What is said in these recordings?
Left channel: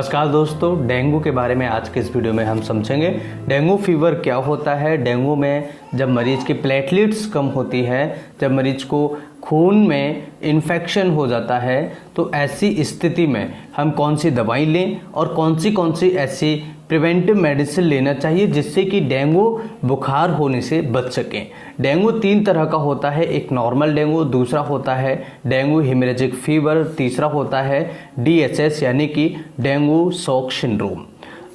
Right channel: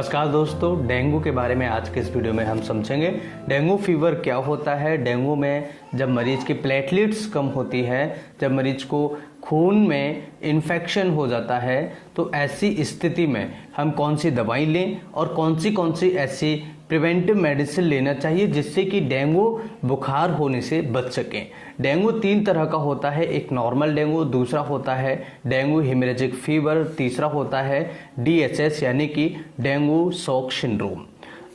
नमस्कार दोस्तों, डेंगू के बारे में आज के इस वीडियो में हम समझेंगे। डेंगू फीवर क्या होता है। डेंगू में जब मरीज की प्लेटलेट्स कम होती है, जब मरीज को खून में इन्फेक्शन हो जाता है, तो ऐसी स्थिति में हम कौन सी दवाई लें और कौन सी ऐसी प्रिवेंटिव मेडिसिन लेना चाहिए जिससे कि डेंगू बुखार होने से बच सकें। डेंगू 3 तरह का होता है, एक नॉर्मल डेंगू, दूसरा होता है डेंगू हेमरेजिक फीवर, तीसरा होता है DHS यानी कि डेंगू शॉक सिंड्रोम।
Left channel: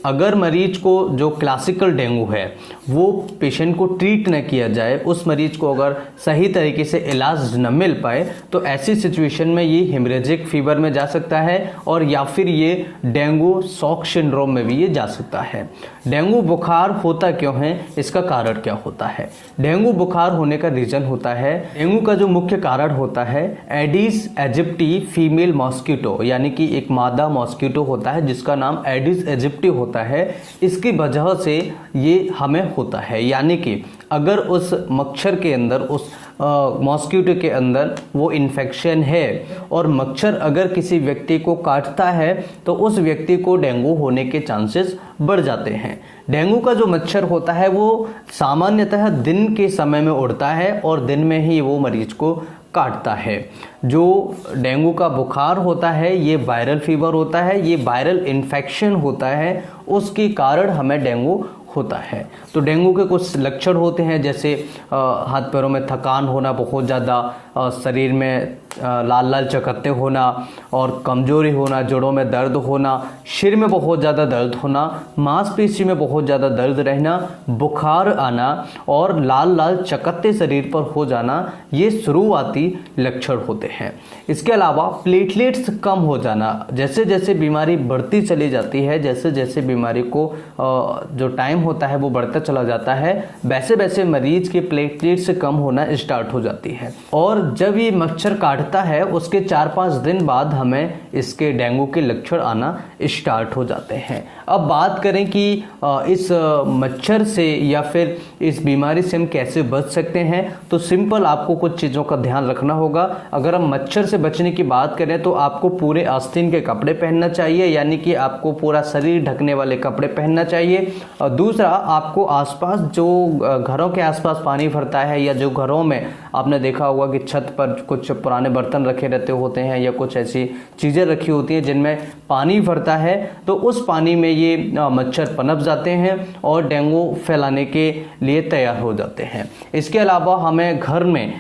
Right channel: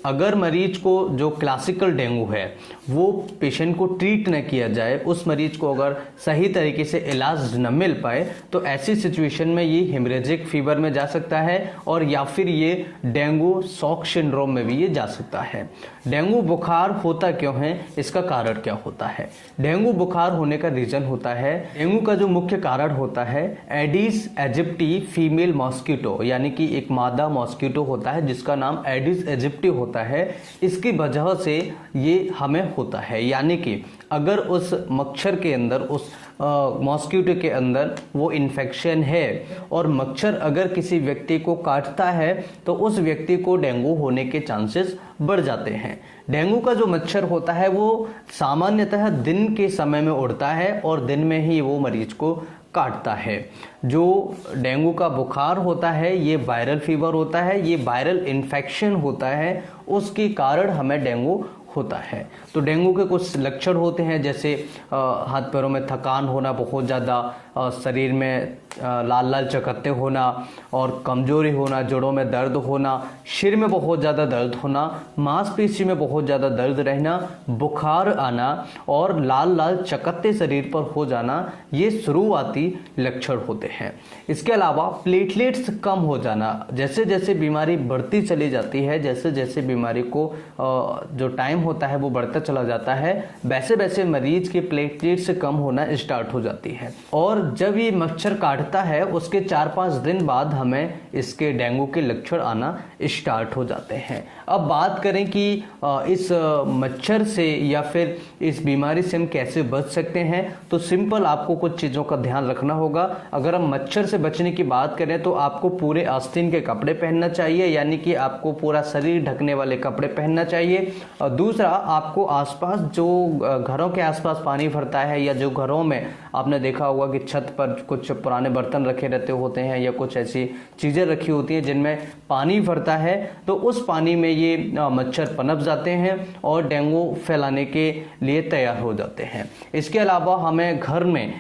अगर मरीज को जो क्लासिकल डेंगू है वो पेशेंट को ट्रीट न किया जाए, उस मरीज को अगर सही तरीके से इलाज न मिल पाए, तो ऐसी सिचुएशन में ये हेमरेजिक फीवर में जा सकता है और या फिर ये डेंगू शॉक सिंड्रोम में भी ये जा सकता है। डेंगू बुखार होता क्यों है, इसका कारण क्या होता है। डेंगू बुखार होने का रीजन होता है, डेंगू का जो मुख्य कारण होता है एडिस एजिप्टी फीमेल मॉस्किटो, यानी कि एक मादा मॉस्किटो होता है जिसका नाम एडिस एजिप्टी होता है। इसकी वजह से ये हमें होता है, यानी कि अगर उस मच्छर के अंदर, उस मॉस्किटो के अंदर वो इन्फेक्शन है और मच्छर अगर किसी व्यक्ति को काटता है तो उस व्यक्ति को डेंगू होने के चांसेस बढ़ जाते हैं। डेंगू का जो मच्छर होता है वो सामान्यतः दिन के समय में उड़ता है और दिन में ही वो मरीज को काटता है। जो डेंगू का बुखार होता है ये वायरल फीवर होता है, ये वायरल इन्फेक्शन होता है, उसके कारण हमें डेंगू होता है। तो डेंगू के कुछ लक्षण होते हैं, जैसे हाथ पैरों में थकान होना, बहुत ज़्यादा शरीर में लाल लाल चकत्ते होना और कमजोरी होना, जोड़ों में दर्द होना, सिर में बहुत ज़्यादा दर्द होना, मांसपेशी में बहुत ज़्यादा दर्द रहना, बुखार आना और लाल लाल चकत्ते शरीर पर हो जाना, ये शुरुआती लक्षण होते हैं। इसके अलावा प्लेटलेट्स कम हो जाना, जैसे जैसे बीमारी बढ़ती चली जाती है, जैसे जैसे बीमारी को जो टाइम होता है वो बढ़ता चला जाता है, वैसे वैसे मरीज के प्लेटलेट्स कम होना स्टार्ट हो जाती है। और जब ये मच्छर काटता है उसके 4-5 दिन बाद हमें इसके डेंगू के लक्षण आना स्टार्ट हो जाते हैं। अब बात करें कि इस मच्छर से या फिर इस बीमारी से हम कैसे बच सकते हैं, तो सिंपल आपको कुछ चीज़ों का ध्यान रखना होगा। अगर हम मच्छर से बचने की बात करें तो आपको पूरे आस्तीन के कपड़े पहनना चाहिए, यानी कि आपको पूरा शरीर ढकने वाले कपड़े पहनना चाहिए। और दूसरा, आपको आसपास जो घरों के आसपास पानी भरता है या जो घरों में आपने देखा होगा कि छत पर कुछ पुराने बर्तन रखे रहते होते हैं या कुछ ऐसी चीज़ें रखी होती हैं जिनमें पानी भरता है, तो उस पानी में ये मच्छर पनप जाते हैं और डेंगू फैलाने के लिए तैयार हो जाते हैं। इसके अलावा हमें घर में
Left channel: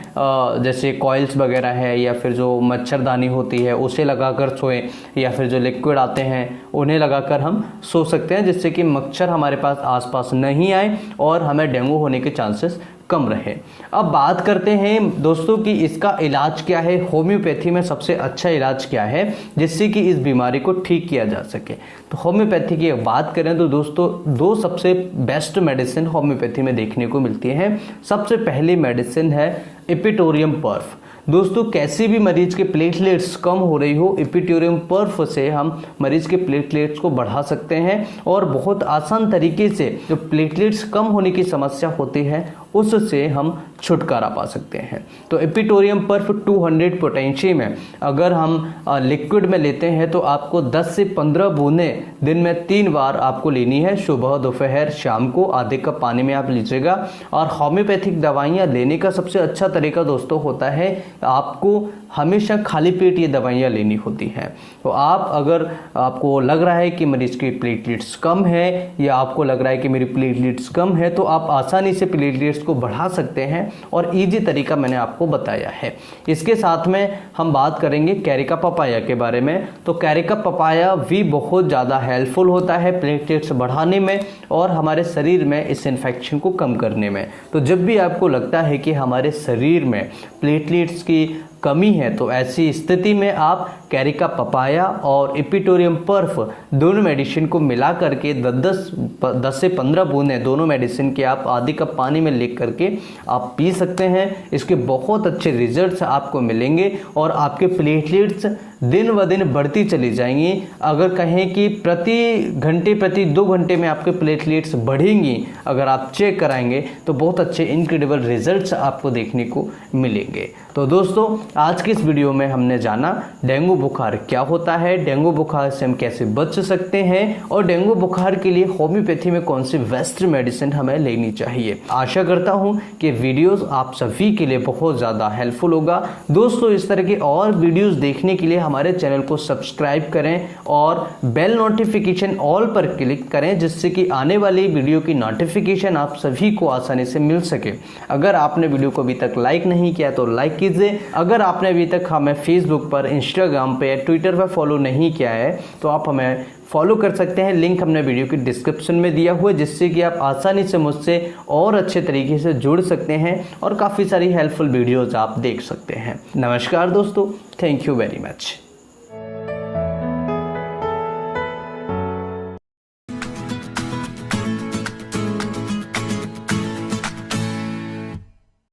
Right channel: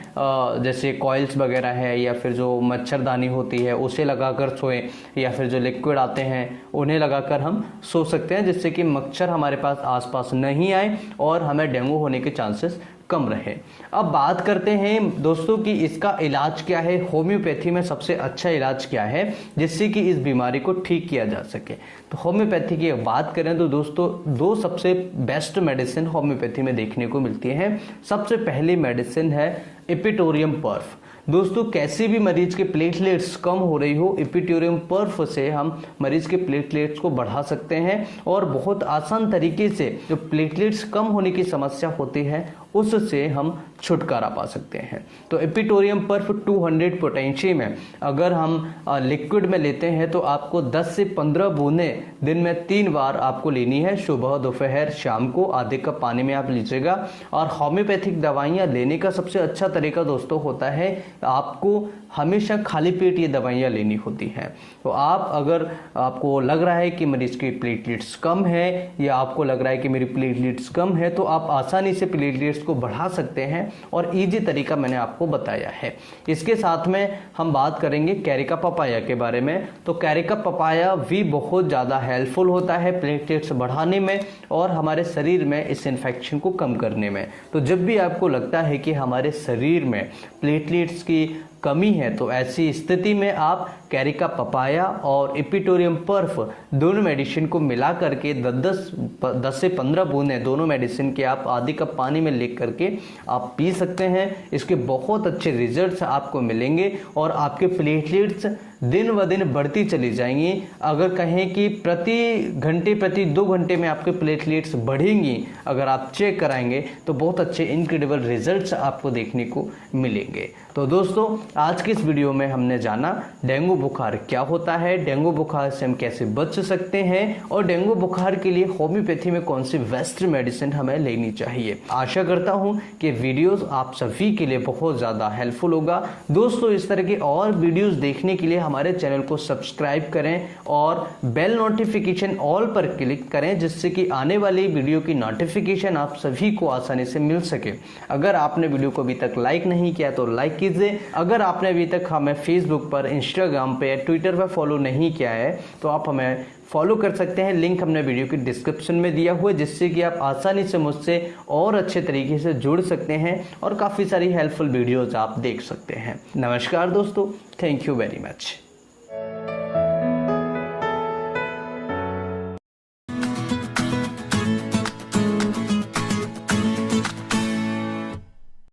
जैसे कॉइल्स वगैरह है या फिर जो मच्छरदानी होती है उसे लगाकर सोएं, या फिर जो लिक्विड आते हैं उन्हें लगाकर हम सो सकते हैं, जिससे कि मच्छर हमारे पास आसपास नहीं आए और हमें डेंगू होने के चांसेस कम रहे। अब बात करते हैं दोस्तों कि इसका इलाज क्या है, होम्योपैथी में सबसे अच्छा इलाज क्या है जिससे कि इस बीमारी को ठीक किया जा सके। तो होम्योपैथी की बात करें तो दोस्तों 2 सबसे बेस्ट मेडिसिन होम्योपैथी में देखने को मिलती है। सबसे पहली मेडिसिन है इपिटोरियम पर्फ। दोस्तों, कैसे भी मरीज के प्लेटलेट्स कम हो रही हो, इपिटोरियम पर्फ से हम मरीज के प्लेटलेट्स को बढ़ा सकते हैं और बहुत आसान तरीके से जो प्लेटलेट्स कम होने की समस्या होती है उससे हम छुटकारा पा सकते हैं। तो इपिटोरियम पर्फ 200 पोटेंशी में अगर हम लिक्विड में लेते हैं तो आपको 10 से 15 बूंदें दिन में 3 बार आपको लेनी है, सुबह, दोपहर, शाम को आधे कप पानी में आप लीजिएगा। और होम्योपैथिक दवाइयाँ लेने का सबसे अच्छा तरीका दोस्तों होता है, आपको हमेशा खाली पेट ये दवाइयाँ लेनी होती हैं। तो आप अगर आपको लग रहा है कि मरीज की प्लेटलेट्स कम है या आपको लग रहा है कि मेरी प्लेटलेट्स कम है, तो आप आसानी से प्लेटलेट्स को बढ़ा सकते हैं और इजी तरीका मैंने आपको बताया है। इसके साथ में हम बात करेंगे कैरिका पपाया के बारे में। तो कैरिका पपाया भी बहुत ज़्यादा हेल्पफुल होता है प्लेटलेट्स बढ़ाने में और हमारे शरीर में इस इन्फेक्शन को कम करने में। तो जब भी आपको लगता है कि हमारे शरीर में प्लेटलेट्स की कमी है, तो ऐसी स्थिति में आप कैरिका पपाया और इपिटोरियम पर्फ दोनों मेडिसिन को मिला करके 10 से 15 बूंदें दोनों मेडिसिन के आप आधे कप पानी में ले करके आप पी सकते हैं। इसके बहुत अच्छे रिजल्ट्स आपको मिलेंगे और आपके प्लेटलेट्स दिन व दिन बढ़ती चली जाएंगी। अगर कहें कि प्रति 2 घंटे में आपके प्लेटलेट्स बढ़ेंगी, अगर आप चेक कराएंगे तो बहुत अच्छे इनक्रेडिबल रिजल्ट्स आपको देखने को मिलेंगे। तो दोस्तों आज की इस वीडियो में हमने जाना डेंगू बुखार क्या होता है, डेंगू बुखार से हम कैसे बच सकते हैं और डेंगू बुखार के लिए होम्योपैथी में कौन सी बेस्ट मेडिसिन हमें लेनी चाहिए। आशा करता हूं कि वीडियोस आप सभी के लिए बहुत ज़्यादा हेल्पफुल होगा। दोस्तों इस तरह के और वीडियोस देखने के लिए हमारे चैनल को सब्सक्राइब करें और बेल नोटिफिकेशन ऑल पर क्लिक करें, जिससे कि आने वाली वीडियो की नोटिफिकेशन आप सभी को आसानी से मिल सके। अगर आपने वीडियो को अभी तक लाइक नहीं किया तो लाइक कीजिए। अगर आपने अभी तक हमें फेसबुक पर, इंस्टाग्राम पे या ट्विटर पर फॉलो नहीं किया है तो आप हमें फॉलो कर सकते हैं। लिंक हमने वीडियो की डिस्क्रिप्शन में दिया हुआ है, जिससे कि आप आसानी से मुझसे और अच्छे तरीके से जुड़ सकते हैं और काफ़ी सारी हेल्पफुल वीडियोज आप देख सकते हैं। नमस्कार दोस्तों, थैंक यू वेरी मच।